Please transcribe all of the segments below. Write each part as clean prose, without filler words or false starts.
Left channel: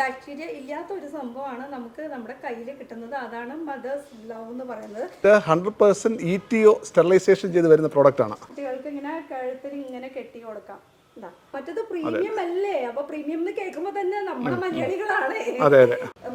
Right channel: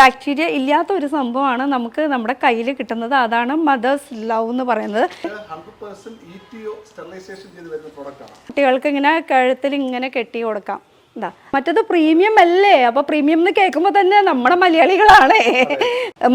Bacteria ഇല്ലാത്ത ഒരു സംഭവമാണ് നമുക്ക് നമ്മുടെ കയ്യിൽ കിട്ടുന്നത്. അതാണ് മദേഴ്സ് ലവ് എന്ന് പറയുന്നത്. 100% ETO സ്റ്റെറിലൈസേഷൻ ചെയ്ത് വരുന്ന പ്രോഡക്റ്റ് ആണ്. കുട്ടികൾക്ക് ഇങ്ങനെ കഴുത്തിൽ ഇങ്ങനെ കെട്ടി കൊടുക്കാം. മറ്റത് പ്രീമിയം അല്ലേ? അപ്പൊ പ്രീമിയം എന്ന് കേൾക്കുമ്പോ തന്നെ നമ്മുടെ മലയാളികളാണ്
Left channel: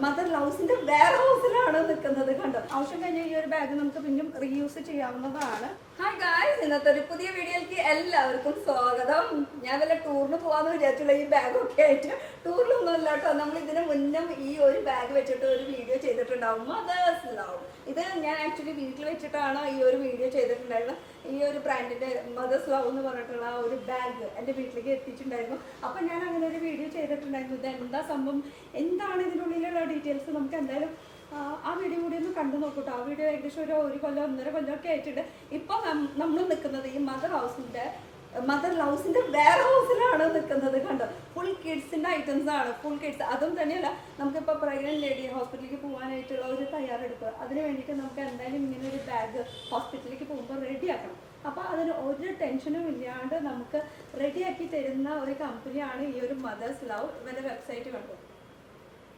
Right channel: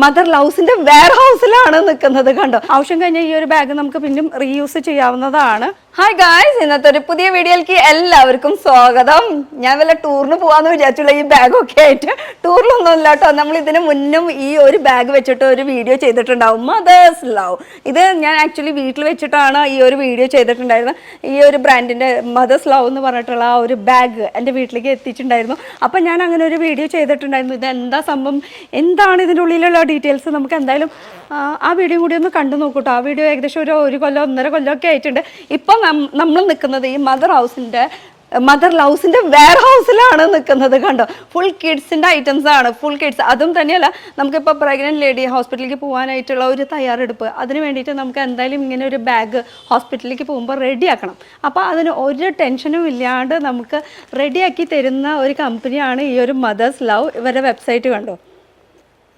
മദർ ലൗസിന്റെ വെയർ ഹൗസിലാണ് നിൽക്കുന്നത്. കണ്ടോ, ആവശ്യം കഴിഞ്ഞ ഈ ഒരു ബാഗ് നമുക്ക് പിന്നും റീയൂസ് ചെയ്യാവുന്നതാണ്. ഹായ് ഗായ്സ്, ഇന്നത്തെ ഒരു പുതിയ വീഡിയോയിലേക്ക് എല്ലാവർക്കും സ്വാഗതം. ഞാൻ വല്ല ടൂറിന് പോവാന്ന് വിചാരിച്ചുള്ള ഈ ബാഗൊക്കെ ആയിട്ട് ടൂറിലൊന്നും ഇല്ല കേട്ടോ. നമ്മൾ ഇതിന് മുന്നും ഈ ഒരു ബാഗ് വെച്ചിട്ട് ഒരു വീഡിയോ ചെയ്തിട്ടുണ്ടാവും, മദേഴ്സ് ലവ്. ഇത് ഞാൻ ആക്ച്വലി വീട്ടിൽ വെച്ചിട്ടാണ് ഈ ഒരു വീഡിയോ ചെയ്തിട്ടുണ്ടായിരുന്നത്. ഈ ഒരു ബ്രാൻഡിന്റെ മദേഴ്സ് ലവ് എന്ന് പറഞ്ഞിട്ടുള്ള ആ ഒരു ബാഗ് എൻ്റെ വീട്ടിലേക്ക് എത്തിച്ചിട്ടുണ്ടായിരുന്നു. അപ്പം ഞാൻ അങ്ങനെ ഒരു വീഡിയോ ചെയ്തിട്ടുണ്ടായിരുന്നു. ഇത് എന്താ സംഭവം, എന്താണ് ഇതിൻ്റെ ഉള്ളിലുള്ള ഡീറ്റെയിൽസ്, നമുക്ക് എന്തായാലും ആ വീഡിയോ കൂടി ഒന്ന് കണ്ടു നോക്കൂട്ടോ. ആ വീഡിയോ ഏകദേശം ഒരു കൊല്ലം 1.5 കൊല്ലമൊക്കെ ആയിട്ടുണ്ട്. ഇപ്പം നമ്മൾ നിൽക്കുന്നത് ഈ മദർ ലൗസിന്റെ വെയർ ഹൗസിലാണ് നിൽക്കുന്നത്. കണ്ടോ, ഫുൾ കിഡ്സിന്റെ ഐറ്റംസ് ആണ്, ഫുൾ കിഡ്സ്. അതും തന്നെയല്ല, നമുക്കിപ്പോൾ പ്രഗ്നന്റ് ലേഡി ഹോസ്പിറ്റലിലേക്ക് പോകാനായിട്ടുള്ള ഒരു തയ്യാറെടുപ്പ്, അതിന് വേണ്ടിയിട്ട് നമുക്ക് എന്തായാലും ഇങ്ങനെ ഒരു ബാഗ് ഹോസ്പിറ്റലിലേക്ക് പോകുമ്പോൾ റെഡിയാക്കണം. അപ്പോൾ അതിന് ഒരു ടെൻഷനും ഇല്ലാണ്ട് നമുക്ക് റെഡിയാക്കി തരുന്ന ഒരു കമ്പനിയാണ് ഈ ഒരു മദേഴ്സ് ലവ്. ഇവരുടെ വെബ്സൈറ്റ് കണ്ടോ.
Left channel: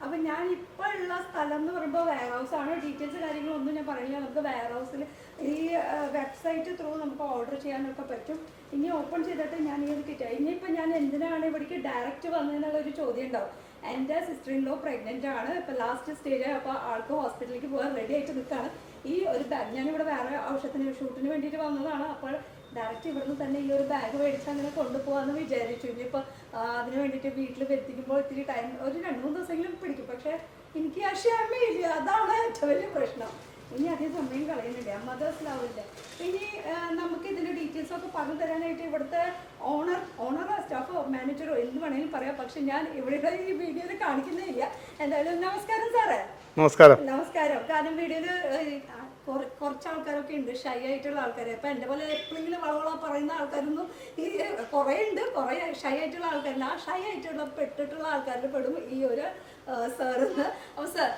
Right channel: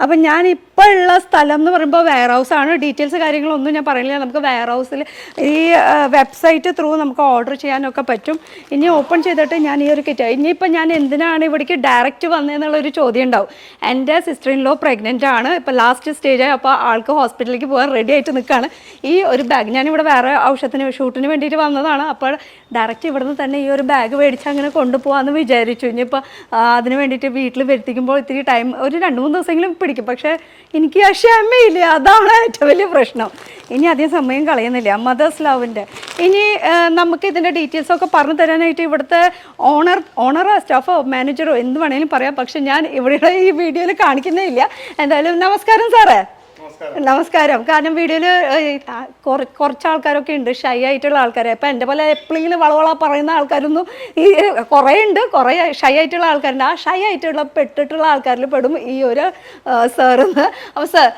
അപ്പം ഞാൻ ഇപ്പോൾ ഉള്ള സ്ഥലം എന്ന് പറയുമ്പോൾ വെയർ ഹൗസാണ്. ഡീറ്റെയിൽസ് കാര്യങ്ങളൊന്നും ഞാൻ പറയില്ല. നമുക്ക് വെയർ ഹൗസിൽ ഈ വെബ്സൈറ്റ് ത്രൂ നമുക്ക് ഓർഡർ ചെയ്യാനൊക്കെ പറ്റും. ഇനി ഓപ്പൺ ചെയ്തിട്ട് ഞാൻ ഈ ഒരു കിറ്റ്, ഇനിയിപ്പോൾ ഞാൻ എന്തിനാണ് ഇവിടേക്ക് ഡയറക്റ്റ് വന്നതെന്നുള്ളൊരു ചോദ്യം ഉണ്ടാവും. എൻ്റെ സിസ്റ്റർ ഇൻ ലോ പ്രഗ്നൻ്റ് ആണ്, ഇപ്പോൾ ലാസ്റ്റ് സ്റ്റേജായി. അപ്പോൾ ആൾക്ക് ഹോസ്പിറ്റലിലേക്ക് പോകാൻ റെഡി ആയിട്ട് നിൽക്കുകയാണ്. ഈ ഒരു ബാഗ് ഞാനിവിടെ വേറെ ഔഷധത്തിന് ഷൂട്ടിന് വേണ്ടിയിട്ട് വന്നതാണ്. അപ്പോൾ ഡയറക്റ്റ് ഇവിടുന്ന് തന്നെ ഈ ഒരു ബാഗ് മേടിച്ച് അങ്ങനെ കൊണ്ടുപോകാമെന്ന് വിചാരിച്ചു. ഇനിയിപ്പോൾ അതിന് വേണ്ടിയിട്ട് വീട്ടിൽ വരുത്തിക്കുമ്പോൾ ഇത്തിരി ടൈം, ഒരു 2-3 ദിവസമെങ്കിലും പിടിക്കും. പക്ഷേ എനിക്ക് ആ ക്ഷമയില്ല, അതാണ് ഏറ്റവും വലിയ പ്രശ്നം. ഇനി അധികം സമയം കളയുന്നില്ല. മദേഴ്സ് ലവിൻ്റെ ഇനി നമുക്ക് ഇതിൻ്റെ ഡീറ്റെയിൽസൊക്കെ പറഞ്ഞു തരാനായിട്ട് ഇവിടുത്തെ ഓണറോ സ്റ്റാഫോ മാനേജറോ എന്ത് വേണമെങ്കിലും പറയാം. പക്ഷെ ഞാൻ ഇവിടെ ഈ വീഡിയോയിൽ കാണിക്കുന്നേ ഇല്ല. എന്തായാലും നമസ്കാരം സാറേ. നമസ്കാരം. കാരണം വീഡിയോയിൽ കുറച്ച് ആൾക്കാരൊക്കെ ഉണ്ട്, ഷൈ ആയിട്ടുള്ള ആൾക്കാരെ. അപ്പം എൻ്റെ പോലെ എപ്പോഴെങ്കിലും വളവള പറയുന്ന ആൾക്കാരൊന്നും ഈ കുറേ ഉണ്ട്, കുറേ ഷൈ ആയിട്ടുള്ള ആൾക്കാരുണ്ട്. ആ ഷൈ ആയിട്ടുള്ള പെട്ടിട്ടുള്ള ആൾക്കാരിൽ പെടും ഈ ഒരു സാറെന്ന്. അപ്പോൾ സാർ,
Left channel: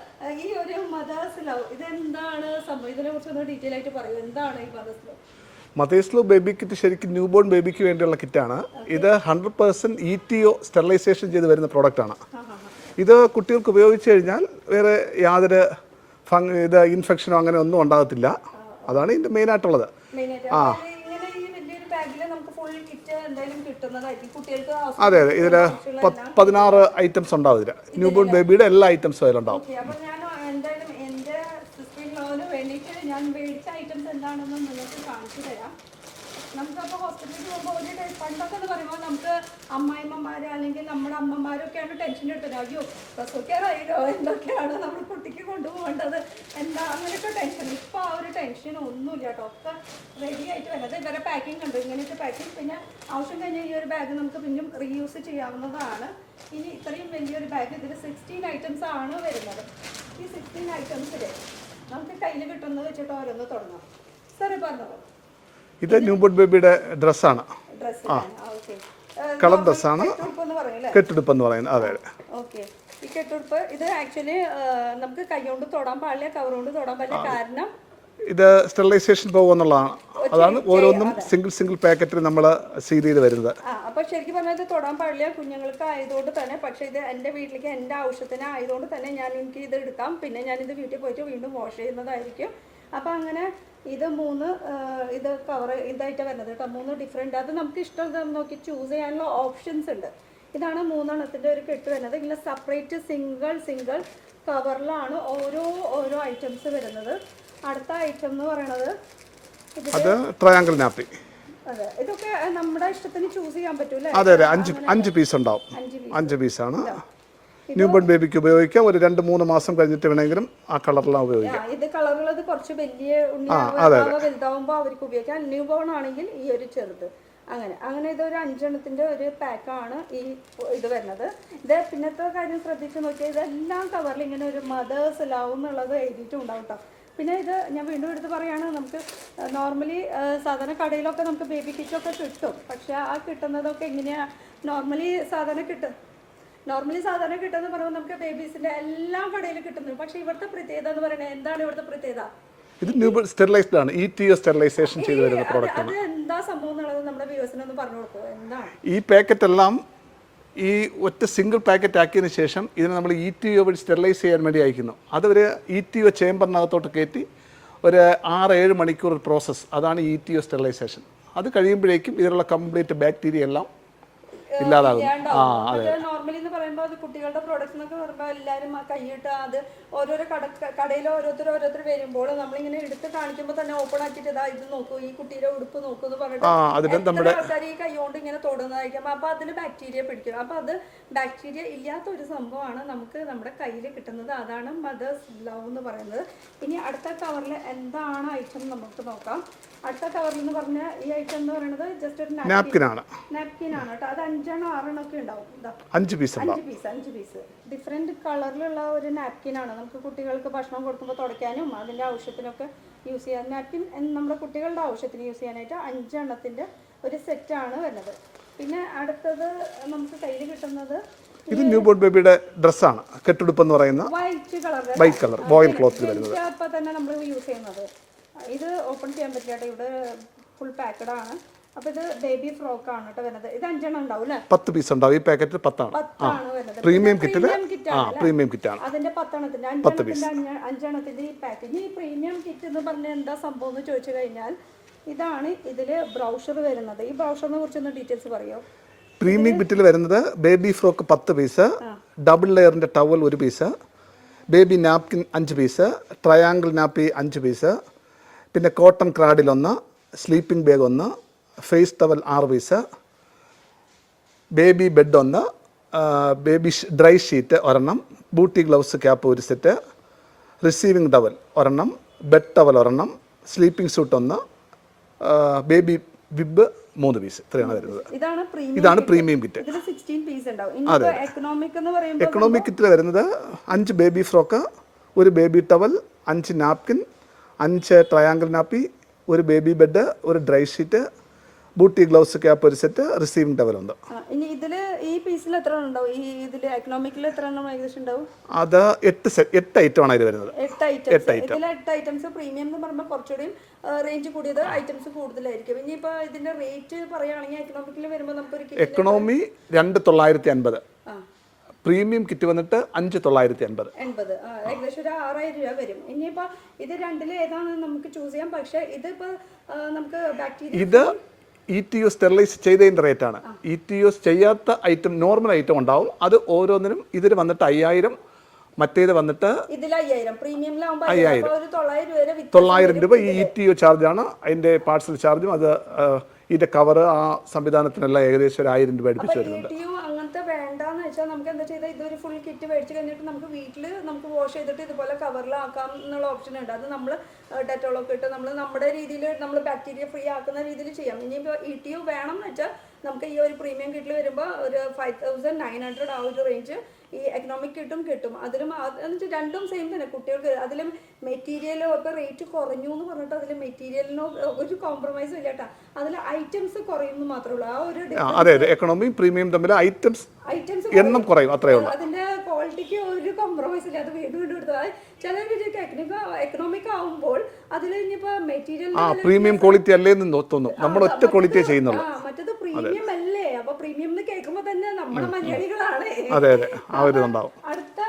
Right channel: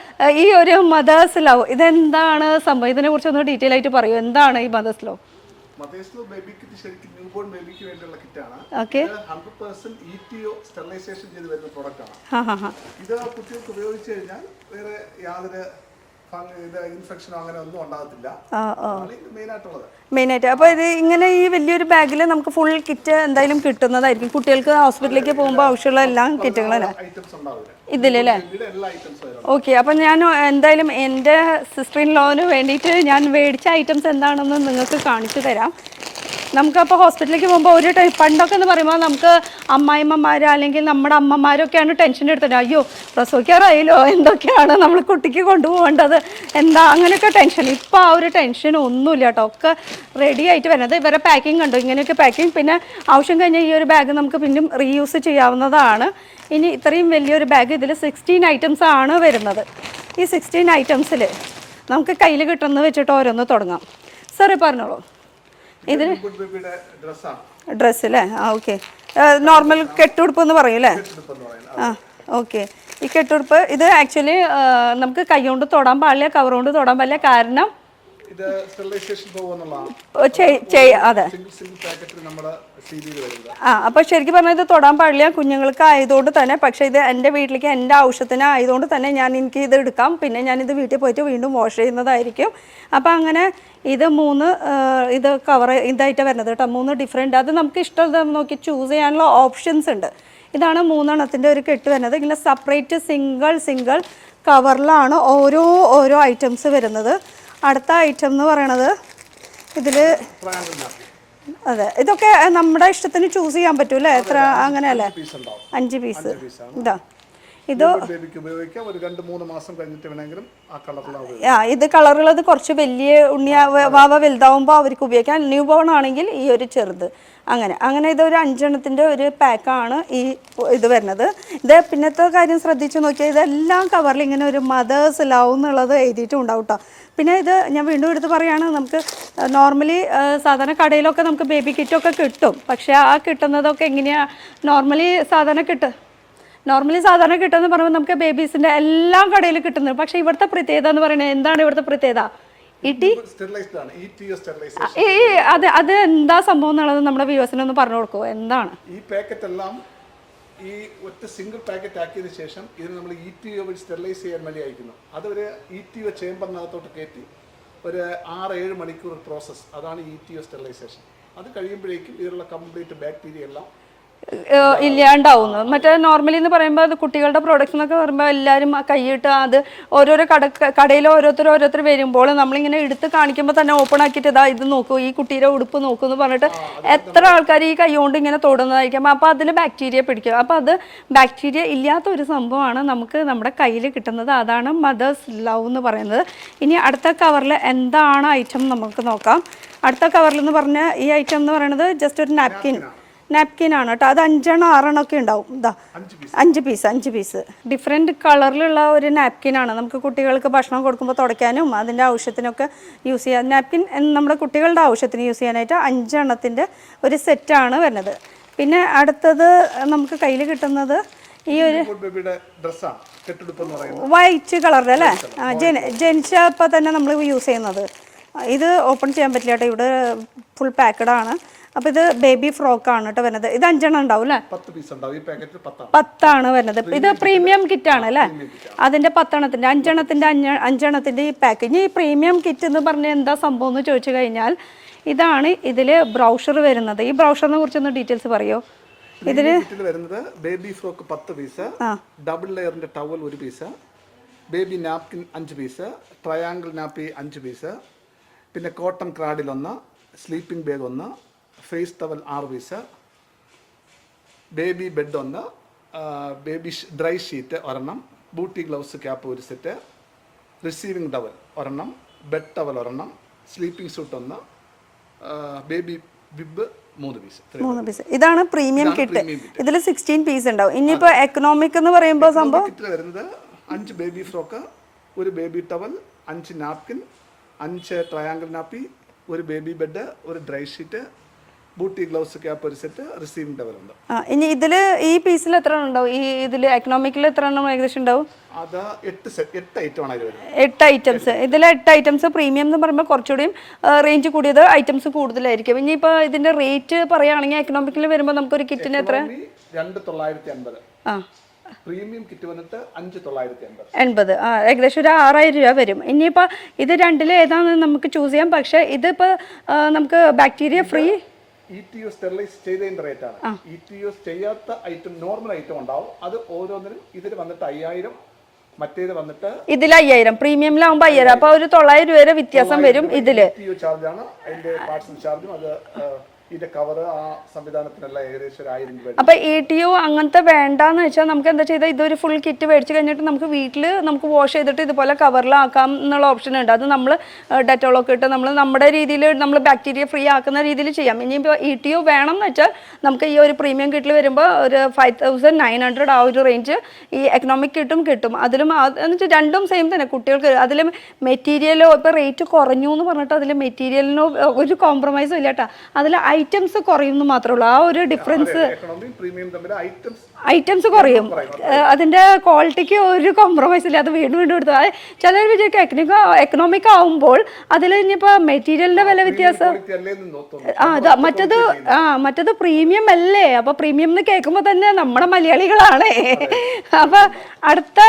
ഈ ഒരു മദേഴ്സ് ലവ് ഇതെന്താണ് സംഭവം? ഇതിനെക്കുറിച്ചൊന്ന് ഡീറ്റെയിൽ ആയിട്ട് പറയൂ. എന്താണ് ഈ mother's love? Mother's love baby kit ശരിക്കും ന്യൂ ബോൺ ബേബിക്ക് വേണ്ടിയുള്ള കിറ്റാണ്. ഇത് 100% ETO സ്റ്റെറിലൈസേഷൻ ചെയ്ത് വരുന്ന പ്രോഡക്റ്റ് ആണ്. ഇത് കുട്ടികൾക്ക് ഉപയോഗിച്ച് കഴിഞ്ഞാൽ വേറെ യാതൊരു ഇൻഫെക്ഷനോ അങ്ങനെ ഒന്നും ഉണ്ടാകത്തില്ല. അതാണ് ഇതിന്റെ മെയിൻ ആയിട്ടുള്ളത്. അപ്പൊ ഇത് ഇങ്ങനെ ഈ വലിയൊരു ബാഗിൽ നമുക്ക് ഫുൾ കിറ്റ് എന്തായാലും കിട്ടുന്നതായിരിക്കും. കുട്ടികൾക്ക് ഹോസ്പിറ്റലിലേക്ക് പോകുമ്പോൾ ആവശ്യമുള്ള എല്ലാം ഐറ്റംസ് ഉണ്ടാവില്ല. എല്ലാ ഐറ്റംസും. ഓക്കെ, അപ്പൊ ഞാൻ എന്തായാലും എൻ്റെ സിസ്റ്റർ ഇൻ ലോന് വേണ്ടിയിട്ട് ഞാൻ മേടിച്ച ഐറ്റംസ് എന്താണെന്ന് നിങ്ങൾക്ക് കാണിച്ചു തരാം. നമുക്കപ്പോൾ ഹോസ്പിറ്റലിലേക്ക് പോകുമ്പോൾ ഒരു പണ്ടൊക്കെ എന്ന് പറയുമ്പോൾ നമുക്ക് അമ്മായിമ്മമാർ അല്ലെങ്കിൽ നമ്മുടെ അമ്മമാരൊക്കെയാണ് ടെൻഷൻ എടുത്തത്. അയ്യോ പ്രസവിക്കാറായല്ലോ, എന്തൊക്കെയാണ് നമ്മൾ കുട്ടിക്ക് കൊണ്ടുപോകേണ്ടത്, എന്താ അങ്ങനെയൊക്കെ ടെൻഷൻ. ഇപ്പോൾ ആ ഒരു ടെൻഷൻ ഒന്നുമില്ല കേട്ടോ. ഒക്കെ റെഡി ആയിട്ട് വരുന്നത്. ഇവരെ പാക്കിംഗ് കണ്ടു, ഇങ്ങനെയൊക്കെ പാക്കിംഗ്. പിന്നെ ആവശ്യം കഴിഞ്ഞാൽ ഈ ഒരു ബാഗ് നമുക്ക് പിന്നും റീയൂസ് ചെയ്യാവുന്നതാണ്. ഇനി ഇത്രയും വലിയൊരു ബാഗ്, ഇതിൽ 16 ഐറ്റംസ് ആണ് വരുന്നത്. ഈ 16 ഐറ്റംസിൽ നമുക്ക് കയ്യിൽ കിട്ടുന്നത് വെച്ചിട്ട് ഓരോന്ന് തുടങ്ങാം. സാറേ പറഞ്ഞോളൂ. ഇത് ന്യൂബോൺ ബേബിയുടെ ഡ്രസ്സാണ്. ഡ്രസ്സ് അല്ലേ? ഓക്കെ, നോർമൽ കെട്ടുടുപ്പ് എന്ന് പറയും അല്ലേ? കെട്ടുടുപ്പ് എന്ന് പറയുന്നത്. ഓക്കെ, ഈ കെട്ടുടുപ്പ് ഇത് ആക്ച്വലി നമുക്ക് കൈ കൊണ്ട് തൊടാൻ പാടില്ല, കവർ കൊണ്ട് തൊടാൻ പാടില്ല. കാരണം ഇത് സ്റ്റെറിലൈസേഷൻ പോകുന്നുള്ളതാണ്. സിംഗിൾ പാക്കറ്റിൽ നമ്മൾ സീൽ ചെയ്ത് വരുന്നത്. അപ്പോൾ ശരിക്കും പറഞ്ഞാൽ ഇത് തൊടാൻ പാടില്ല കുഞ്ഞുങ്ങൾക്ക് ആയതുകൊണ്ട് തന്നെ. പക്ഷേ ഇത് എൻ്റെ വീട്ടിലേക്ക് എൻ്റെ ആവശ്യത്തിന് ആയതുകൊണ്ട് തന്നെ എനിക്ക് ഇത് എടുക്കാം. പിന്നെ ഞാനിത് വീട്ടിൽ പോയിട്ട് വീണ്ടും വാഷ് ചെയ്യുന്നതായിരിക്കും. അപ്പോൾ അങ്ങനെ ഇത് 3 ഇത് കവർ ഇതായിട്ട് വരുന്നത് കേട്ടോ. 3 ഡിഫറെൻറ്റ്. അത് നമുക്ക് ഇഷ്ടം നോക്കി ചൂസ് ചെയ്യാനുള്ള ഓപ്ഷൻസ് ഉണ്ട്. ഇതാണ് 3 എണ്ണത്തിൻ്റെ ഒരു കെട്ട് വരുന്നത്. ഇങ്ങനെ സെപ്പറേറ്റ് സിംഗിൾ കവറിലാണ് ഓരോ ഐറ്റംസ് വരുന്നത്. അടുത്ത ഐറ്റം എന്ന് പറയണത് ഇതിൽ ട്രയാങ്കിൾ നാപ്പി. അതെ, ഇതൊക്കെ നമ്മുടെ ഇഷ്ടത്തിന് ചൂസ് ചെയ്യാൻ പറ്റൂല്ലേ? അങ്ങനെ 5 പീസ് ഉണ്ടാവും. 5 പീസാണ്. ഇത് ബേബിക്ക് ഉപയോഗിക്കാം. ഒരു 2-3 മാസം കഴിഞ്ഞിട്ട് വേണമെങ്കിലും ആ കളറിലാണ് ഉപയോഗിക്കാം. ഇത് കളറുള്ളത് കുറച്ച് വലിയ വാവ വലുതാവുമ്പോൾ അവർക്ക് ഉപയോഗിക്കാം. ന്യൂ ബോൺ ആണെങ്കിൽ ഈ ഒരു ചെറുത്. അങ്ങനെ ഇതൊരു 5 എണ്ണത്തിൻ്റെ ഒരു പാക്കാണ് ഈ ഇത് വരുന്നത്. ഇത് പിന്നത്തെ കാര്യം ശ്രദ്ധിച്ച് നോക്കിയാൽ ഇതെല്ലാം കവറിൽ ഇങ്ങനെ ഒരു മദേഴ്സ് ലവ് എന്നുള്ളത് എഴുതിയിട്ടും ഉണ്ടാവും കേട്ടോ. പിന്നെ ഇത് ഞാൻ വീണ്ടും എടുത്ത് പറയുകയാണ്, നമുക്ക് നോർമലി സാധാരണ കടയിലൊക്കെ നമുക്ക് ബേബി കിറ്റൊക്കെ കിട്ടും. പക്ഷേ ആ കിട്ടുന്നതൊക്കെ എങ്ങനെയാണ് നോർമലി സാധാരണ കിട്ടുമെന്ന് പറയുമ്പോൾ നമുക്ക് ബേബീസിൻ്റെ എല്ലാം കടയിൽ കിട്ടുന്നത്. പക്ഷേ ഇവിടുത്തെ പ്രത്യേകത എന്ന് പറയുന്നത് എന്താണ്? ഇവിടുത്തെ പ്രത്യേകത അത് എന്താ സംഭവം എന്നുള്ളത് നമ്മുടെ വ്യൂവേഴ്സിനൊന്ന് പറഞ്ഞു കൊടുക്കുമോ? എന്താണ് ഈ പാക്കറ്റ് എല്ലാം ഈ ഒറ്റ സിംഗിൾ പാക്കറ്റ് ആക്കിയതിന് ശേഷം ഇതിനെ നമ്മൾ ETO വഴി സ്റ്റെറിലൈസ് ചെയ്യാൻ വേണ്ടി അയക്കുന്നു. അത് ഒരു ETO ചേമ്പറിനകത്തോട്ട് കയറ്റി ഒരു 6-7 മണിക്കൂർ പ്രോസസ്സ്, അതാണ് ETO സ്റ്റെറിലൈസേഷൻ. അത് കഴിയുമ്പോഴേക്കും ഇതിലുള്ള കംപ്ലീറ്റ് ബാക്ടീരിയ എല്ലാം ഇല്ലാണ്ടാവുന്നു. മറ്റേ നോർമലി എന്ന് പറയുമ്പോൾ അത് കുട്ടികളുടെ പ്രോഡക്ട്സ് എന്നൊക്കെ പറയുമ്പോൾ എല്ലാവരും കൈയിട്ട് അത് ഓരോരോ കടയിൽ ഓരോരുത്തർ വരുമ്പോൾ നമ്മളിങ്ങനെ എടുത്ത് കാണിക്കുമ്പോൾ തന്നെ ഓപ്പൺ ആക്കിയിട്ട് ഇതാ ഇത് നോക്കൂ, ഈ കുട്ടിയുടെ ഉടുപ്പ് നോക്കൂ എന്ന് പറഞ്ഞിട്ട് എത്ര ആൾക്കാർ ഈ കൈ കൊണ്ട് ഇങ്ങനെ തൊടുന്നതായിരിക്കും. അപ്പോൾ അതിൽ ബാക്ടീരിയ പിടിക്കും. അപ്പോൾ അത് ബാക്ടീരിയ ഇല്ലാത്ത ഒരു സംഭവമാണ് നമുക്ക് നമ്മുടെ കയ്യിൽ കിട്ടുന്നത്. അതാണ് മദേഴ്സ് ലവ് എന്ന് പറയുന്നത്. ഇനി അടുത്ത കവറിൽ എന്താണ് ഐറ്റം നമുക്ക് നോക്കാം. അടുത്ത കവറിൽ എന്ന് പറഞ്ഞ ഈ ഐറ്റം എന്ന് പറയുന്നത് ജസ്റ്റ് ഒരു നാപ്കിൻ ആണ് കേട്ടോ. അത് 5-6 ഒക്കെ ഉണ്ടാവും. ഇതാ 5 പീസ് ഡിഫറെൻറ്റ് കളറിലുള്ള ഒരു നാപ്കിൻ ആണ്. നമുക്ക് കുട്ടികൾക്ക് ഭക്ഷണം കൊടുക്കുമ്പോൾ തുടയ്ക്കാനും അതിൻ്റെ ആവശ്യത്തിനൊക്കെ യൂസ് ചെയ്യാം. നാപ്കിൻ നമ്മുടെ കുട്ടികളുടെ ആവശ്യത്തിന് യൂസ് ചെയ്യാനായിട്ട് 5 എണ്ണത്തിൻ്റെ ഒരു സെറ്റാണ് വരുന്നത്. പിന്നെ അടുത്തത് നമുക്ക് കയ്യിൽ കിട്ടുന്നത് ഈ ബേബിയുടെ ഡ്രസ്സാണ്, കെട്ടുടുപ്പ് എന്ന് പറയുന്നത് വൈറ്റ് കളറിൽ അല്ലേ, ജനിച്ചപ്പോൾ തന്നെ നമ്മൾ യൂസ് ചെയ്യുന്നത്. ഇത് ഓപ്പൺ ചെയ്യാൻ പറ്റില്ല കേട്ടോ, ഇവിടെ ഫുൾ പാക്കഡ് ആണ്. അപ്പോൾ ഇത് ബേബി ഫ്രോക്ക് ആണ് കേട്ടോ വരുന്നത്. ഇത് 5 എണ്ണം ഉണ്ടാവും അല്ലേ, 10 പീസ് ഉണ്ടാവും. ഈ പാക്കറ്റ് 10 ആണ് വരുന്നത്. ഇത് പ്രീമിയം കിറ്റ് ആണ് അല്ലേ, അതിന്റെ 10 എണ്ണത്തിന്റെ 5 എണ്ണത്തിന്റെ ഈ പാക്ക്. ഇനി ഈ പ്രീമിയം കിറ്റ് എന്ന് പറഞ്ഞാൽ എന്താ സംഭവം എന്ന് ചോദിച്ചു കഴിഞ്ഞാൽ ഇതാണ് ഇതില് ബ്രൗഷർ വരുന്നത്. ഈ ബ്രൗഷറിനെ കുറിച്ചൊന്ന് ഡീറ്റെയിൽസ് പറയോ? പ്രീമിയം കിറ്റിൽ വരുന്നത് ബേബി ഫ്രോക്ക് 10 പീസ്, ഡബിൾ ലെയറിന്റെ towel 1 piece, baby napkin 5 piece, triangle nappy 5 piece, പിന്നെ cotton cradle 1, sleeping bag 1, face towel 6 piece, baby bed 1, baby dry sheet 1, bootie gloves cap 1 set, receiving towel 1, bed towel 1, sleeping suit 1, baby bib 3 piece. ഇതാണ് premium kit. ഇതിൽ 16 piece ഉണ്ടാവും. ഇനിയിപ്പോ economic എന്ന് പറയുമ്പോൾ economic കിറ്റിൽ വരുന്നത് 5 baby frock, 1 baby towel, 5 napkin, 5 triangle nappy, 1 baby bed, 1 dry sheet, booty gloves cap 1 set, receiving towel ഉണ്ട്. ഇനി ഇതിൽ ഈ പീസിൽ എത്ര ഉണ്ടാവും? ഈ ഇതിൽ എക്കണോമിക്കിൽ എത്ര എണ്ണം ഏകദേശം ഉണ്ടാവും? അത് 8 ഐറ്റം ആണ് ഇത് വരുന്നത്. 8 ഐറ്റംസ്. ഇതിൽ 8 ഐറ്റംസ്. പ്രീമിയം എന്ന് പറയുമ്പോൾ കുറച്ചുകൂടിയും റേഞ്ച് കൂടിയത് ഐറ്റംസ് കൂടുതലായിരിക്കും. ഇനിയിപ്പോൾ ഇതിന്റെ റേറ്റ് പറയുകയാണെങ്കിൽ എക്കണോമിക്കിൽ വരുമ്പോൾ നമുക്ക് ഒരു കിറ്റിന് എക്കണോമി 2950, പ്രീമിയം കിറ്റ് വന്നിട്ട് 5980. ഏകദേശം ഒരു 6000 രൂപ വരും. ഇനിയിപ്പോൾ ഇത് രണ്ടിൽ ഏതാണെന്ന് നമുക്ക് ചൂസ് ചെയ്യാം. പക്ഷേ ഇതിപ്പോൾ നമുക്ക് ബാക്ടീരിയ ഫ്രീ ETO സ്റ്റെറിലൈസ് ചെയ്തതിന്റെ റേറ്റ് ആണ്. ETO ചെയ്യാത്ത ഐറ്റം നോർമൽ ഐറ്റം ഉണ്ടാവും. അത് ഓരോന്നിനും ഇതിൽ വന്നിട്ട് 5000, മറ്റേത് വന്നിട്ട് ഇതിൽ 5000, പ്രീമിയമിലാവുമ്പോൾ 5000. അപ്പോൾ ഒരു 900 രൂപ വരെ വ്യത്യാസം വരും. ഇതിൽ ETO ചാർജ് ആണ്, അതിന്റെ പാർട്സിൽ ചാർജും അത് ഇതിന്റെ കവർ ആ സംവിധാനത്തിനെല്ലാം ഏകദേശം 1000 രൂപ. അപ്പൊ ETO അങ്ങനത്തെ വേണ്ടാന്ന് വെച്ചാൽ നമുക്ക് എന്താ ചെയ്താൽ ഇതൊരു ഫുൾ കിറ്റ് മേടിച്ച് കഴിഞ്ഞിട്ട് നമുക്ക് വീട്ടിൽ നമുക്ക് വാഷ് ചെയ്തിട്ട് ഇതുപോലെ കവറിലാക്കാം എന്നുള്ള ഓപ്ഷൻ ഉണ്ട്. അത് നമ്മൾ ഡെറ്റോളൊക്കെ ഇട്ട് നമ്മൾ നമ്മുടെ രീതിയിൽ നമ്മൾ ബാക്ടീരിയ ഫ്രീ ആക്കുന്ന രീതിയിൽ ചെയ്യാം. ഇനിയിപ്പോൾ ETO വേണം എന്ന് വെച്ചാൽ നമുക്ക് ഈ ഒരു പ്രീമിയം കിറ്റിൽ വരുമ്പോൾ ഒരു 5900 ആ ഒരു റേഞ്ച് ഈ എക്കണോമിക് കിട്ടും. അതിലും എന്ന് വെച്ചാൽ രണ്ടും സെയിം തന്നെ. കുട്ടികൾക്ക് അതിൽ മെറ്റീരിയലോ ഇപ്പോൾ റേറ്റ് കുറഞ്ഞു എന്ന് പറഞ്ഞിട്ട് അതിൽ മെറ്റീരിയലിനോ ഒരു കോംപ്രമൈസും ഇല്ല കേട്ടോ. അതിൽ ഐറ്റംസ് കുറയുന്നു മാത്രമേ ഉള്ളൂ. ആ ഒരു ഡിഫറൻസ് എക്കണോമിക് പ്രീമിയം തമ്മിൽ ഐറ്റംസ് കുറയും. അതിന്റെ ക്വാളിറ്റിക്ക് ഒരു കോംപ്രമൈസ് ഇല്ല. അത് വീണ്ടും എടുത്തു. ചിലർ വിചാരിക്കും എക്കണോമിക് ആവുമ്പോൾ അതിൽ ഇനിയിപ്പോ മെറ്റീരിയലിന്റെ വില വ്യത്യാസം, മറ്റത് പ്രീമിയം അല്ലേ. അപ്പൊ പ്രീമിയം എന്ന് കേൾക്കുമ്പോ തന്നെ നമ്മുടെ മലയാളികളാണ്. അപ്പൊ അടുത്ത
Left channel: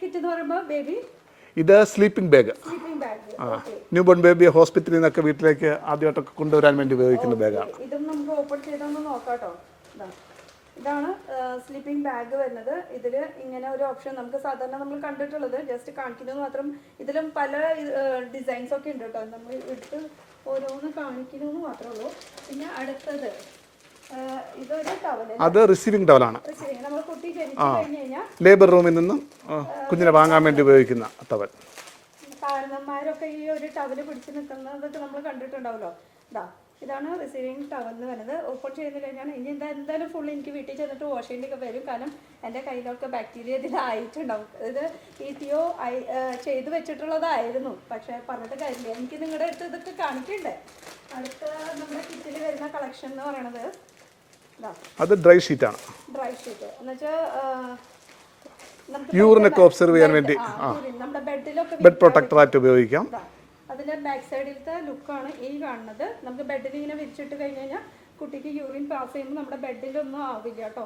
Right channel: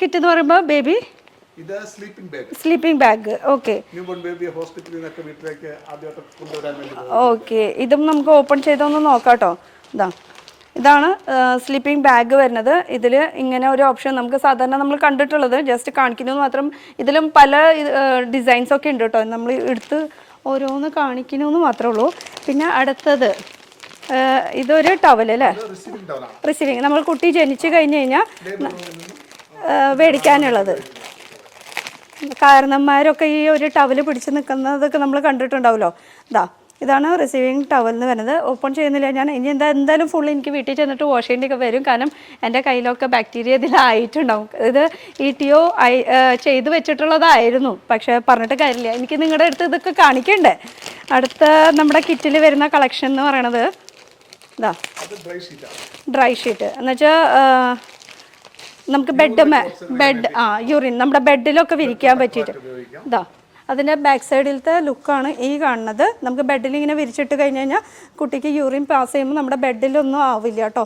കിറ്റ് എന്ന് പറയുമ്പോ ബേബി ഇത് സ്ലീപ്പിംഗ് ബാഗ്. ഓക്കെ, ന്യൂബോൺ ബേബിയെ ഹോസ്പിറ്റലിൽ നിന്നൊക്കെ വീട്ടിലേക്ക് ആദ്യമായിട്ടൊക്കെ കൊണ്ടുവരാൻ വേണ്ടി. ഓക്കെ, ഇതും നമുക്ക് ഓപ്പൺ ചെയ്തൊന്ന് നോക്കാട്ടോ. ഇതാണ് സ്ലീപ്പിംഗ് ബാഗ് വരുന്നത്. ഇതിൽ ഇങ്ങനെ ഒരു ഓപ്ഷൻ നമുക്ക് സാധാരണ നമ്മൾ കണ്ടിട്ടുള്ളത് ജസ്റ്റ് കാണിക്കുന്നത് മാത്രം. ഇതിലും പല ഡിസൈൻസ് ഒക്കെ ഉണ്ട് കേട്ടോ. നമ്മൾ എടുത്ത് ഓരോന്ന് കാണിക്കണമെന്ന് മാത്രമേ ഉള്ളൂ. പിന്നെ അടുത്തത് ഇതൊരു ടവൽ അല്ലേ, റിസീവിംഗ് ടവലാണ്. റിസീവിംഗ് നമ്മൾ കുട്ടി ജനിച്ചു കഴിഞ്ഞു കഴിഞ്ഞാൽ ലേബർ റൂമിൽ നിന്നും മേടിക്കാനുള്ളത്. കാരണന്മാരൊക്കെ ഈ ഒരു ടവൽ പിടിച്ച് നിൽക്കുന്നതൊക്കെ നമ്മൾ കണ്ടിട്ടുണ്ടാവുമല്ലോ. ഇതാണ് റിസീവിംഗ് ടവൽ എന്ന് പറയുന്നത്. ഓപ്പൺ ചെയ്യുന്നില്ല ഞാൻ. ഇനി എന്തായാലും ഫുൾ എനിക്ക് വീട്ടിൽ ചെന്നിട്ട് വാഷ് ചെയ്യേണ്ടിയൊക്കെ വരും. കാരണം എൻ്റെ കയ്യിലൊക്കെ ബാക്ടീരിയ ഇതിലായിട്ടുണ്ടാവും. ഇത് ETO ചെയ്ത് വെച്ചിട്ടുള്ളതായിരുന്നു. പക്ഷേ പറഞ്ഞിട്ട് കാര്യമില്ല, എനിക്ക് നിങ്ങളുടെ അടുത്ത് ഇതൊക്കെ കാണിക്കണ്ടേ. അടുത്ത നമ്മുടെ കിറ്റിൽ വരുന്ന കളക്ഷൻ എന്ന് പറയണത് അത് ഡ്രൈ ഷീറ്റ് എന്ന് വെച്ചാൽ നമുക്ക് യൂറിൻ നമ്മുടെ ബെഡിലൊക്കെ വിരിക്കാൻ പറ്റും. അതിൻ്റെ ബാക്ക് സൈഡിലത്തെ ലുക്കാണ് ഈ കാണുന്നത്. നമുക്ക് ബെഡിൽ ഇങ്ങനെ വിരിച്ചിട്ട് കഴിഞ്ഞ് കഴിഞ്ഞാൽ കുട്ടിക്ക് യൂറിൻ പാസ് ചെയ്യുമ്പോൾ നമ്മുടെ ബെഡിലൊന്നും ആവില്ല കേട്ടോ.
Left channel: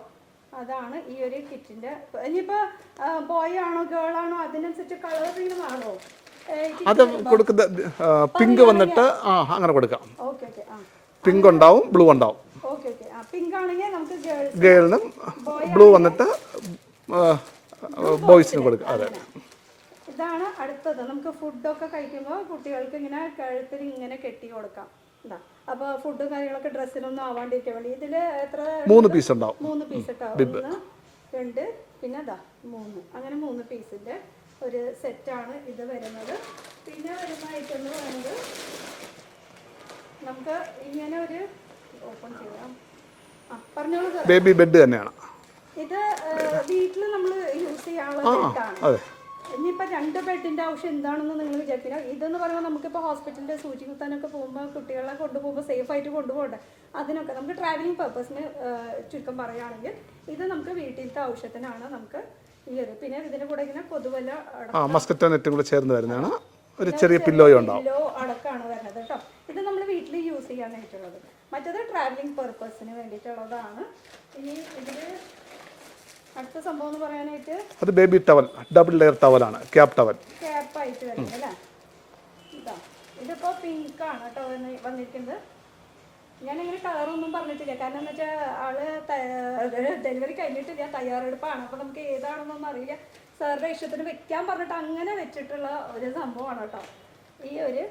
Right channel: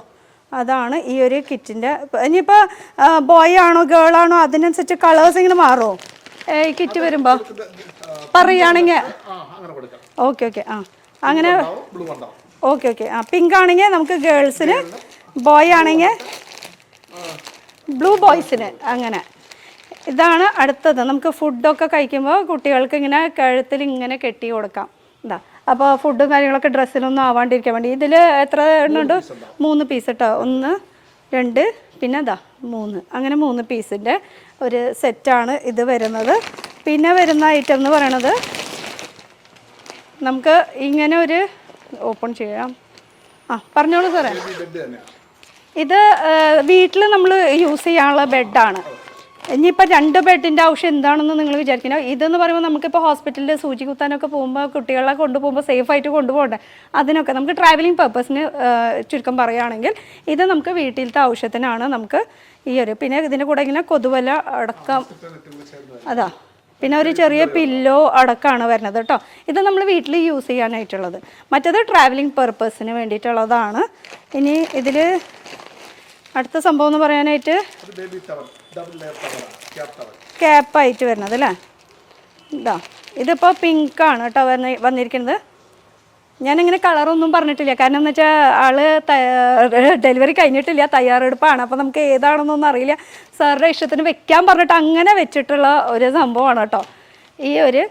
അതാണ് ഈ ഒരു കിറ്റിൻ്റെ. ഇനിയിപ്പോൾ ബോയ് ആണോ ഗേൾ ആണോ അതിനനുസരിച്ച് കളേഴ്സ് ഇങ്ങനെ മാറുമോ ഈ കിറ്റ് വരുമ്പോൾ പറയുകയാണെങ്കിൽ? അങ്ങനെ കൊടുക്കാം. Okay okay. ആ അങ്ങനെ ഉണ്ടാവും, ബ്ലൂ ഉണ്ടാവും. Okay okay. ആ പിങ്ക് ആണെങ്കിൽ നമുക്ക് ഗേൾസിന്, ബോയ് ആണെങ്കിൽ ബ്ലൂ ബോയ്സിന്, അങ്ങനെ. ഇതാണ് അടുത്തത്. നമുക്ക് ഫുഡൊക്കെ കഴിക്കുമ്പോൾ കുട്ടികൾക്ക് ഇങ്ങനെ കഴുത്തിൽ ഇങ്ങനെ കെട്ടി കൊടുക്കാം. എന്താ അപ്പോൾ ഫുഡും കാര്യങ്ങളൊക്കെ ഡ്രസ്സിലൊന്നും ആവാണ്ടിരിക്കാൻ വേണ്ടി ഇതിൽ എത്ര ഉണ്ട്? 3 പീസ് കേട്ടോ. 1 2 പിന്നെ ഇതാ 3, അങ്ങനെ 3 പീസിൻ്റെ ഒരു സെറ്റാണ് ഇത് വരുന്നത്. പിന്നെ വരുന്ന ഐറ്റം എന്ന് പറയണത് നമുക്ക് ഇങ്ങനെ ഒരു ഓപ്പൺ ചെയ്യാം. പറഞ്ഞോളൂ സാറേ. ബേബി ബെഡ് തന്നെയാണ് ഇത്. വീട്ടിൽ നമ്മൾ യൂസ് ചെയ്യാനുള്ള ബെഡാണ്. ഇനിയിപ്പോൾ 2 ബെഡിൻ്റെ ആവശ്യം എന്താണെന്ന് നിങ്ങൾ വിചാരിക്കണം. ഇതെന്ന് പറയുമ്പോൾ നമുക്കിപ്പോൾ ഹോസ്പിറ്റലിൽ സൂചി കുത്താനൊക്കെ പോകുമ്പോൾ കുട്ടികളെ കൊണ്ടുപോകുമ്പോൾ സേഫായിട്ട് കൊണ്ടുപോകണ്ടേ, അതിനൊക്കെ നമുക്ക് ട്രാവലിംഗ് പർപ്പസിന് ചുരുക്കം പറയുകയാണെങ്കിൽ ഇത് നമുക്ക് വീട്ടിലത്തെ ആവശ്യത്തിനാണ്. നമുക്ക് ഈ ഒരു പിന്നെ ഇതിൻ്റെ കൂടെ ഇങ്ങനെ കൊതുവല അടക്കം, അതാ, പിന്നെ ഒരു ചെറിയ പില്ലോ അടക്കമാണ് വരുന്നത് കേട്ടോ. ഇത് നമ്മൾ വീട്ടിൽ യൂസ് ചെയ്യാനായിട്ടുള്ളത്. മറ്റേത് ട്രാവലിംഗ് പർപ്പസിന് വേണ്ടിയിട്ടുള്ളതാണ്. ഇനി ഇതിൽ അടുത്ത സംഭവം എന്ന് പറയാനായിട്ട് അത് ബേബി ടവൽ, ഡബിൾ ലെയർ ടവലാണ്, ക്യാപ്പ് ടവൽ, ക്യാപ്പായിട്ട് വരുന്നത് അല്ലേ. ഇതാ ഇതിപ്പോൾ പിങ്ക് ആണ് കേട്ടോ വന്നിരിക്കുന്നത്. ഞാനിങ്ങനെ കളറൊന്നും പറഞ്ഞിട്ടില്ല, കാരണം എന്ന് വെച്ചാൽ ആള് ഡെലിവറി കഴിഞ്ഞിട്ടില്ല, തയ്യാറെടുപ്പാണ്. അപ്പോൾ നമുക്ക് ഏതാണെന്നൊന്നും അറിയില്ല. സാറിൻ്റെ ഇഷ്ടത്തിന് വെക്കാൻ പറഞ്ഞിട്ട് അങ്ങനെ വെച്ചിട്ടുള്ള ഒരു സംഭവമാണ് കേട്ടോ ഈ ഒരു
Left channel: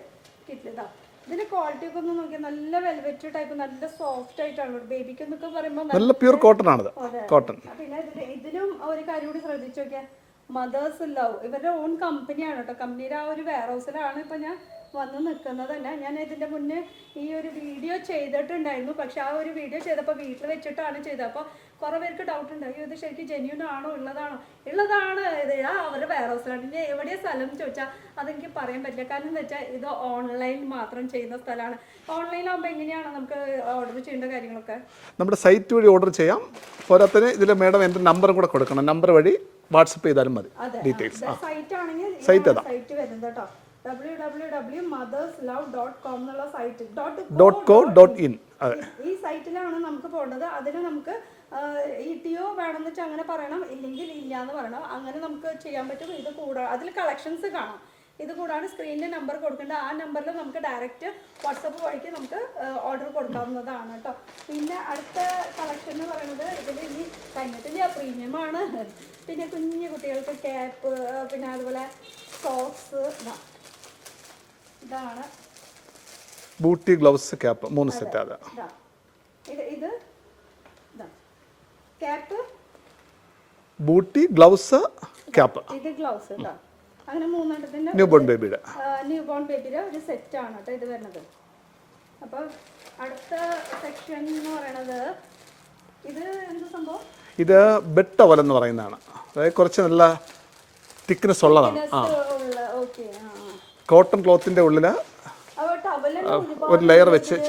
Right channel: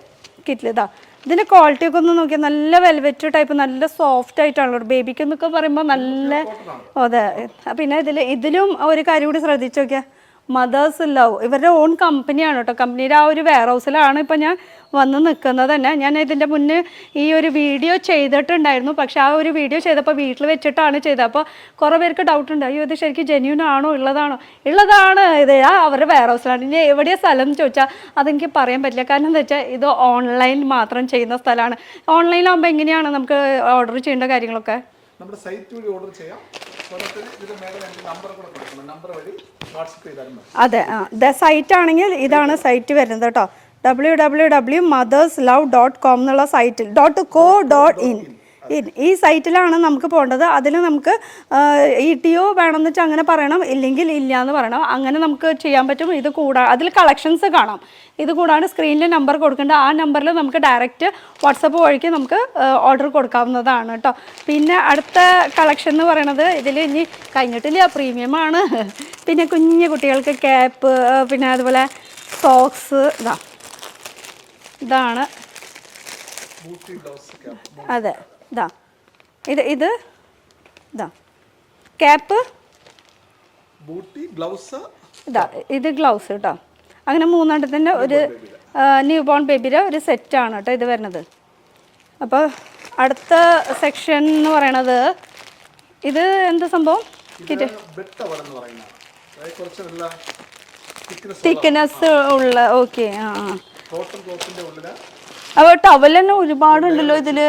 കിറ്റിൽ. ഇതാ ഇതിൻ്റെ ക്വാളിറ്റി ഒക്കെ ഒന്ന് നോക്കിയാൽ നല്ല വെൽവെറ്റ് ടൈപ്പ്, നല്ല സോഫ്റ്റ് ആയിട്ടാണല്ലോ. ബേബിക്ക് എന്നൊക്കെ പറയുമ്പോൾ നല്ല, അതെ. പിന്നെ ഇതിലും ഒരു കാര്യം കൂടി ശ്രദ്ധിച്ചു നോക്കിയാൽ, മദേഴ്സ് ലവ് ഇവരുടെ ഓൺ കമ്പനിയാണ് കേട്ടോ. കമ്പനിയുടെ ആ ഒരു വെയർ ഹൗസിലാണ് ഇപ്പം ഞാൻ വന്ന് നിൽക്കുന്നത് തന്നെ. ഞാൻ ഇതിൻ്റെ മുന്നേ ഈ ഒരു വീഡിയോ ചെയ്തിട്ടുണ്ടായിരുന്നു, പക്ഷെ ആ ഒരു വീഡിയോ ചെയ്തപ്പോൾ വീട്ടിൽ വെച്ചിട്ടാണ് ചെയ്തത്. അപ്പോൾ കുറേ പേർക്ക് ഡൗട്ട് ഉണ്ട്, അയ്യോ ഇത് ശരിക്കും ജെന്യൂൻ ആണോ, ഉള്ളതാണോ? ഉള്ളതാണ്. ഇത് അവരുടെ വെയർ ഹൗസിലാണ്. ഇനി എവിടെയാണ് സ്ഥലം എന്ന് ചോദിച്ചാൽ അതെനിക്ക് പറയാൻ പറ്റില്ല, കാരണം എന്താ വെച്ചാൽ ഇത് ഓൺലൈൻ മാത്രം ചെയ്യുന്ന സ്ഥലമാണ്. ഓൺലൈനിലാകുമ്പോൾ എങ്ങനെയാണ് നമുക്ക് ഓർഡർ ചെയ്യേണ്ട കാര്യങ്ങളൊക്കെ? നമ്മുടെ സൈറ്റ് വഴി ഓർഡർ ചെയ്യാം. പോരാത്തിന് ഇതിൽ മേഡം എൻ്റെ നമ്പറും കൂടെ കൊടുക്കണം, നമ്പർ വഴി വാട്സപ്പ് ചെയ്താലും മതി. അതെ, സൈറ്റ് ആണെങ്കിൽ ഇതാണ് സൈറ്റ് വരുന്നത് കേട്ടോ. www.motherslove.com എന്നുള്ള സൈറ്റിൽ .co.in ഈ സൈറ്റിലാണ് നമുക്ക് പോകേണ്ടത്. അതിൽ നമുക്ക് ETO വേണമെന്ന് വെച്ചാൽ അങ്ങനെ പറയണം, ഇല്ലെങ്കിൽ ഇല്ല എന്ന് പറയണം. അങ്ങനെ നമുക്ക് ചെയ്യാൻ പറ്റും. ഇത് അതിൽ കളക്ഷൻസ് കാണാം. ഇത് കൂടാണ്ട് സ്ക്രീനിൽ നമ്പർ കൊടുക്കേണ്ട, ആ നമ്പറിൽ നമുക്ക് ഡയറക്റ്റ് വാട്സപ്പ് വഴിക്ക് നമുക്ക് ഓർഡർ കൊടുക്കാവുന്നതാണ് കേട്ടോ. പിന്നെ അടുത്ത കളക്ഷൻ എന്ന് പറയണത് ഇതിൽ ഇനി കഴിഞ്ഞിട്ടില്ല, പ്രീമിയമാണ്. പിന്നെ കുഞ്ഞു കുട്ടികൾക്ക് ക്യാപ്പ്, പിന്നെ അതുപോലെ സോക്സ്, ഇതാണ് ബൂട്ടി, ഗ്ലൗസ്, ക്യാപ്പ്, 3 സെറ്റ്. ഇതാ ഇത് ഇതാ ക്യാപ്പ്, ബൂട്ടി, ഗ്ലൗസ്, ക്യാപ്പ്. ഇത് ഗ്ലൗസ് കേട്ടോ. അങ്ങനെ 3 എണ്ണത്തിൻ്റെ ഒരു ന്യൂ ബോൺ ബേബിയുടെ ഒരു സെറ്റാണ് കേട്ടോ ഇത് വരുന്നത്. അപ്പോൾ അടുത്ത സെക്ഷൻ എന്ന് പറയണത് ഇത് എന്താ സംഭവം? ഇത് ബെഡ് ടവൽ എന്ന് പറയുന്നതാണ്. അതായത് കുറച്ച് നല്ല തിക്നെസ് ഉള്ള, ഓക്കെ. കോട്ടൺ ക്ലോത്തിന്റെ ഉള്ളില് അപ്പോൾ ടവൽ തന്നെ ഒരുപാട് ഇതില്.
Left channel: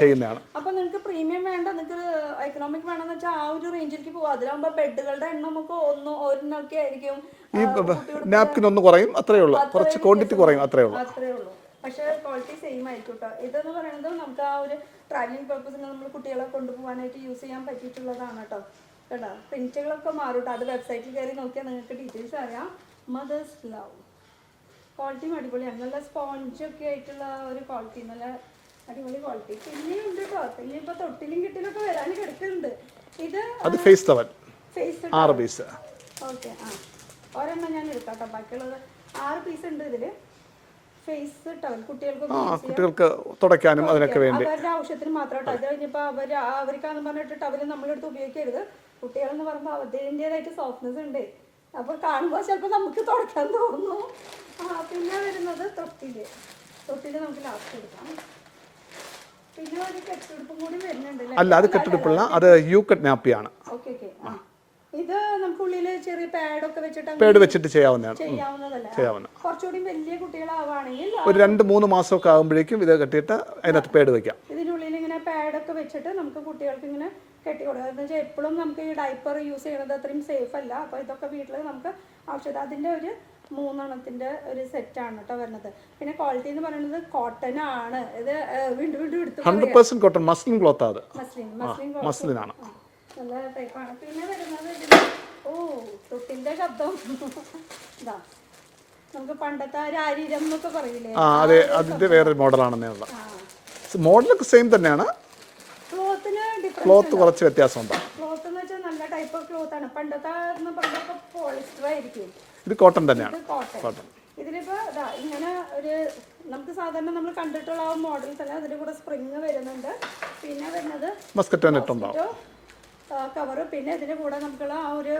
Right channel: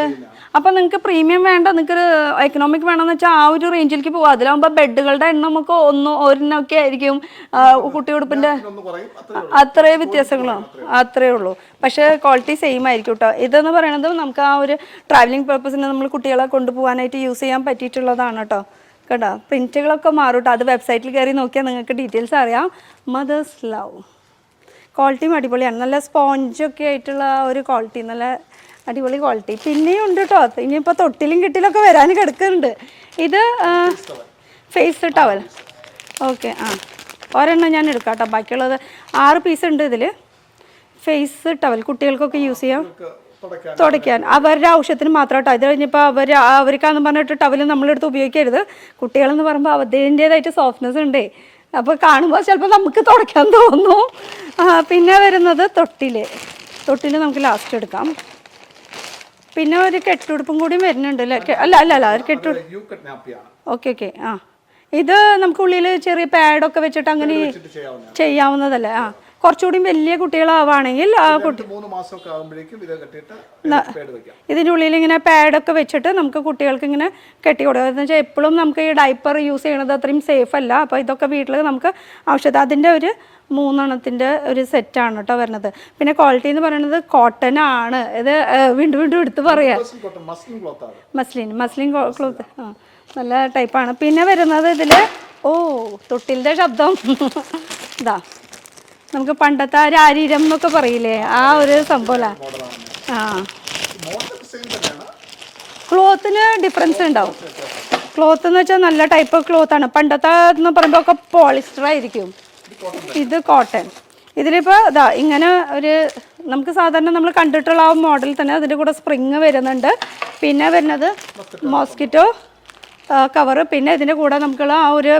അപ്പൊ നിങ്ങൾക്ക് പ്രീമിയം വേണ്ട, നിങ്ങൾക്ക് എക്കണോമിക് വേണമെന്ന് വെച്ചാൽ ആ ഒരു റേഞ്ചിലേക്ക് പോകും. അതിലാവുമ്പോൾ ബെഡുകളുടെ എണ്ണം നമുക്ക് ഒരെണ്ണമൊക്കെ ആയിരിക്കും, കുട്ടിയുടുപ്പിന്റെ അത്രേ വ്യത്യാസങ്ങൾ, അത്രേ ഉള്ളൂ. പക്ഷെ ക്വാളിറ്റി സെയിം ആയിരിക്കും കേട്ടോ. ഇതെന്ന് പറയുന്നത് നമുക്ക് ആ ഒരു ട്രാവലിംഗ് പർപ്പസിന് നമ്മൾ കുട്ടികളെ കൊണ്ടുപോകാനായിട്ട് യൂസ് ചെയ്യാൻ പറ്റിയിട്ടുള്ളതാണ് കേട്ടോ. കേട്ടോ പ്രിന്റുകളൊക്കെ മാറും കേട്ടോ. അത് വെബ്സൈറ്റിൽ കയറി നോക്കിയാൽ നിങ്ങൾക്ക് ഡീറ്റെയിൽസ് അറിയാം. മദേഴ്സ് ലവ് ക്വാളിറ്റിയും അടിപൊളിയാണ്, നല്ല സ്പോഞ്ചൊക്കെ ആയിട്ടുള്ള ഒരു ക്വാളിറ്റി, നല്ല അടിപൊളി ക്വാളിറ്റി. പിന്നെയും ഉണ്ട് കേട്ടോ, ഇനിയിപ്പോൾ തൊട്ടിലും കിട്ടിലൊക്കെ വരാൻ കിടക്കുന്നുണ്ട്. ഇത് ഫേസ് ടവൽ. ഓക്കെ, ഒരെണ്ണം ഞാൻ എടുക്കാം കേട്ടോ. ബാക്കിയുള്ളത് 6 പീസ് ഉണ്ട് ഇതിൽ. ഫേസ് ടവൽ കുട്ടികൾക്കൊക്കെ യൂസ് ചെയ്യാം, തുടയ്ക്കാൻ അവരുടെ ആവശ്യത്തിന് മാത്രം കേട്ടോ. ഇത് കഴിഞ്ഞപ്പോൾ അവർക്കാന്ന് പറഞ്ഞിട്ട് ടവൽ നമ്മളെടുത്ത് ഉപയോഗിക്കരുത്. കുട്ടികളെന്ന് പറയുമ്പോൾ അതിൻ്റേതായിട്ട് സോഫ്റ്റ്നെസ് ഉണ്ടേ, അപ്പോൾ കാണുമ്പോൾ ചിലപ്പോൾ നമുക്ക് തുടയ്ക്കാൻ തോന്നും. പിന്നെ വരുന്നത് തൊട്ടിൽ നമുക്ക് ലാസ്റ്റ് എടുക്കാം. പിന്നെ ഒരു കെട്ടുടുപ്പും കൂടി വരുന്നുണ്ട് അല്ലേ? ഓക്കെ. ഇത് നമുക്ക് ഉള്ളിൽ ചെറിയ പാഡൊക്കെ വെച്ചിട്ട് അങ്ങനെ ചെയ്യാവുന്നതല്ലേ? കുറച്ചുകൂടി വലിയ കുട്ടികളാവാണെങ്കിൽ 2-3 മാസമൊക്കെ ആകുമ്പോഴേക്കും ഇത് കെട്ടിയിട്ട് പാഡ് വെക്കാം. ഇതിൻ്റെ ഉള്ളിൽ ഇങ്ങനെ പാഡൊക്കെ വെച്ചിട്ട് നമുക്ക് കുട്ടികൾക്ക് ഇങ്ങനെ കെട്ടി കൊടുക്കുക. എന്ന് വെച്ചാൽ എപ്പോഴും നമുക്ക് ഈ ഡൈപ്പർ യൂസ് ചെയ്യണത് അത്രയും സേഫ് അല്ല. അപ്പോൾ ഇതൊക്കെ വീട്ടിൽ നമുക്ക് ആവശ്യത്തിന് അതിൻ്റെ ഒരു 3 എണ്ണത്തിൻ്റെ ഒരു സെറ്റാണ് കേട്ടോ വരുന്നത്. പിന്നെ ക്വാളിറ്റി എന്ന് പറയുന്നത് കോട്ടൺ ആണ്. ഇത് വീണ്ടും എടുത്ത് പറയാം, മസ്ലിൻ ക്ലോത്ത്. നല്ല ടൈപ്പാണ്. പിന്നെ വരുന്നത് ഇതിൽ തൊട്ടിലിൻ്റെ ശബ്ദം ഇതാ നമുക്ക് പണ്ടത്തെ ആ രാരീരം എന്നൊക്കെ പറയില്ലേ, ആ ഒരു സംഭവം. മോഡലാണ്. ആ മോഡലൊക്കെ സെയിം തന്നെയാണ്, ക്ലോത്തിന് ഡിഫറൻസ് ഉണ്ടാവും. കുറച്ച് വ്യത്യാസമുണ്ട്. ക്ലോത്ത് എന്ന് വെച്ചാൽ നല്ല ടൈപ്പ് ക്ലോത്ത് ആണ്. പണ്ടത്തെ എന്ന് പറയുമ്പോൾ ഒക്കെ പോളിസ്റ്റർ ആയിരിക്കും, ഇത് കോട്ടൺ തന്നെ. ഇത് കോട്ടൺ. ഇതിലിപ്പോൾ ഇതാ ഇങ്ങനെ ഒരു നമുക്ക് സാധാരണ നമ്മൾ കണ്ടിട്ടുള്ള ആ മോഡൽ തന്നെ അതിൻ്റെ കൂടെ സ്പ്രിങ് വരുന്നുണ്ട്. പിന്നെ വരുന്നത് മോസ്കിറ്റോ കവറ്. പിന്നെ ഇതിൻ്റെ കൂടെ നമുക്കുള്ള ആ ഒരു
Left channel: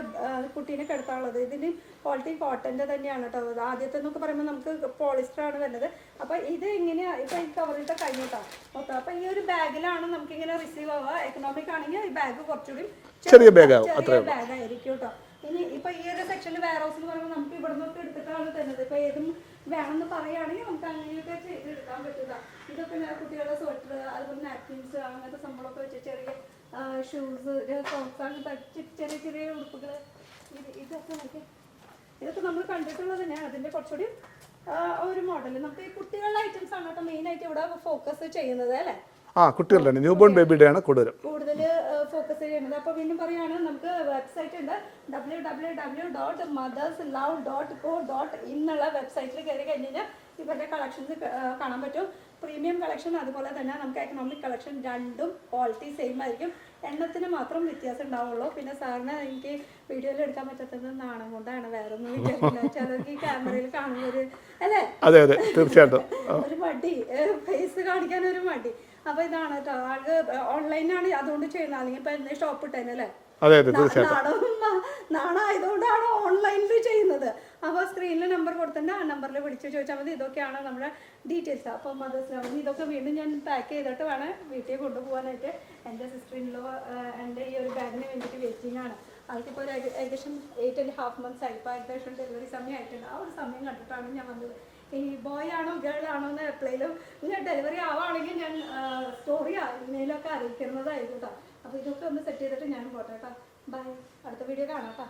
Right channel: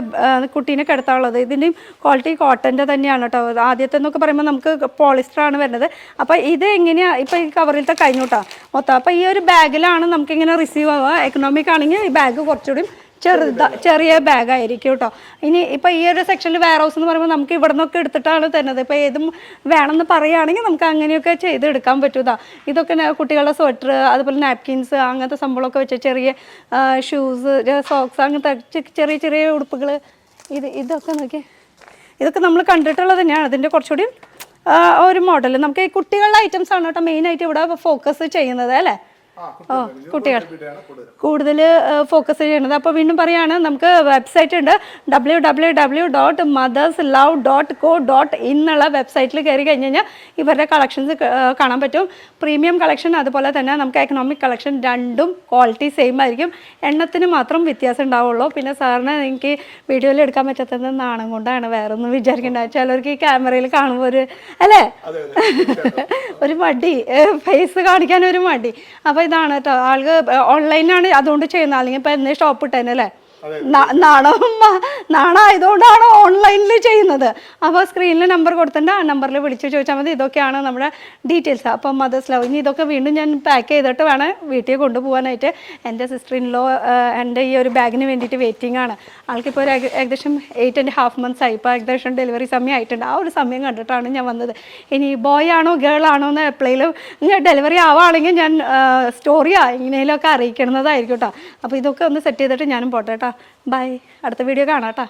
കുട്ടീനെ കിടത്താനുള്ളത്. ഇതിൻ്റെയും ക്വാളിറ്റി കോട്ടൻ്റെ തന്നെയാണ് കേട്ടോ. ആദ്യത്തെ എന്നൊക്കെ പറയുമ്പോൾ നമുക്ക് പോളിസ്റ്ററാണ് വരുന്നത്. അപ്പോൾ ഇത് എങ്ങനെയാണ് ഇപ്പോൾ ഈ കവറിലത്തെ കഴിഞ്ഞു കേട്ടോ മൊത്തം. അപ്പോൾ ഈ ഒരു ബാഗിലാണ് നമുക്കിങ്ങനെ റിസീവ് ആവുക. എക്കണോമിക് ആണെങ്കിൽ ഈ ബാഗ് കുറച്ചുകൂടി ചെറിയ ബാഗ് ആയിരിക്കും കേട്ടോ. ഇനി ഇപ്പൊ ഈ ഒരു സെക്ഷനിൽ വെയർ ഹൗസ് എന്ന് പറയുമ്പോൾ നമുക്ക് ഇവിടെ നിന്നൊക്കെ എടുത്തിട്ടാണ് തരുന്നത്. ഇപ്പൊ ഏതും വേണമെന്ന് പറയുകയാണെങ്കിൽ നമുക്ക് അങ്ങനെയൊക്കെ ചെയ്തെടുക്കാൻ പറ്റൂതാ. ഇതൊക്കെ കുട്ടികളുടെ സ്വെറ്റർ, അതുപോലെ നാപ്കിൻസ്, അങ്ങനത്തെ സംഭവമൊക്കെ വെച്ച് ചെറിയ ഷൂസ്, സോക്സ്, അങ്ങനത്തെ ചെറിയ ചെറിയ ഉടുപ്പുകൾ. ഇതൊക്കെ നോക്കി, ഇതൊക്കെ നമ്മൾ കണ്ടിട്ടുള്ളത് തന്നെയാണ്. അതിൻ്റെ കുറച്ചുകൂടി ഒരു മോഡൽ. നമുക്ക് ഈ കുട്ടികളുടെ ഐറ്റംസ് ആണ് കേട്ടോ മെയിനായിട്ട് ഇവിടെ ഫോക്കസ് ചെയ്യുന്നത് അല്ലേ. കൂടുതൽ ഫോക്കസ് ചെയ്യണത്. അപ്പോൾ വീണ്ടും പറയാണ്, നമുക്ക് വെബ്സൈറ്റ് ഉണ്ട് www.motherslove.co.in എന്നുള്ള വെബ്സൈറ്റിൽ കയറി കഴിഞ്ഞ് കഴിഞ്ഞാൽ ഇവരുടെ കളക്ഷൻസ് കാണാൻ പറ്റും. പ്രീമിയം കളക്ഷൻ അതുപോലെ തന്നെ നമുക്ക് എക്കണോമിക് കളക്ഷൻ രണ്ടും ക്വാളിറ്റി സെയിം ആയിരിക്കും. എണ്ണത്തിന് മാത്രം വ്യത്യാസം ഉണ്ടാവുള്ളൂ. പിന്നെ സാറിന് എനിക്ക് വീഡിയോയിൽ എടുക്കാൻ പറ്റാത്തത് നാണം കൊണ്ടാണ്, വേറെ ഒന്നും വിചാരിക്കേണ്ട. ചിലർക്ക് ഈ ക്യാമറയിൽ കാണുമ്പോൾ ഒരു അല്ലേ ഒരു മടി, ഫേസ് കാണിക്കാൻ ഒരു മടി. അപ്പോൾ ഇതാണ് കേട്ടോ, ആൾക്ക് ഓൺലൈനാണ് അതുകൊണ്ട് ചെയ്യുന്നത്. അല്ലെങ്കിൽ ഇപ്പൊ എന്നേ ഷോപ്പ് ഇട്ടേനെ അല്ലേ, നാണായതുകൊണ്ടാണ് ഓൺലൈനിൽ ചെയ്യുന്നത്. അപ്പോൾ സ്ക്രീനിൽ നമ്പർ കൊടുത്തിട്ടുണ്ട്, ആ നമ്പറിൽ വിളിച്ച് ചോദിച്ചാൽ മതി. ഇതൊക്കെയാണ് നമ്മുടെ ഡീറ്റെയിൽസ്. അപ്പോൾ മദേഴ്സ് ലവ്. ഇനി ഇതൊക്കെ വീണ്ടും ഞാൻ പാക്ക് ചെയ്തിട്ട് വേണം വീട്ടിൽ കൊണ്ടുപോകാനായിട്ട്. എൻ്റെ സിസ്റ്റർ ഇൻ ലോ എൻ്റെ ഈ ഒരു ബാഗിന് വേണ്ടിയിട്ട് വെയിറ്റിംഗ് ആണ്. ആൾക്കിപ്പോൾ ഒരു ഏകദേശം 8.5 months ആയി. ഇപ്പോൾ ഏകദേശം ഡെലിവറി സമയം ആയിട്ടുണ്ട്. ആ ഒരു സമയം കണ്ടിട്ടാണ് ഞാൻ വന്നത്. ഇനി ബോയ് ആണോ ഗേൾ ആണോ എന്ന് എപ്പോഴേലും ഡെലിവറി ആവുകയാണെങ്കിൽ ഞാൻ സ്റ്റോറിയാ ഇങ്ങനെയൊക്കെ അറിയിക്കുന്നതായിരിക്കും കേട്ടോ. അപ്പോൾ ഇതൊക്കെ ഒന്ന് സെറ്റ് ചെയ്തിട്ട് ഞാനും പോട്ടെ കേട്ടോ. ബൈ, അടുത്ത വീഡിയോ കാണാം കേട്ടോ.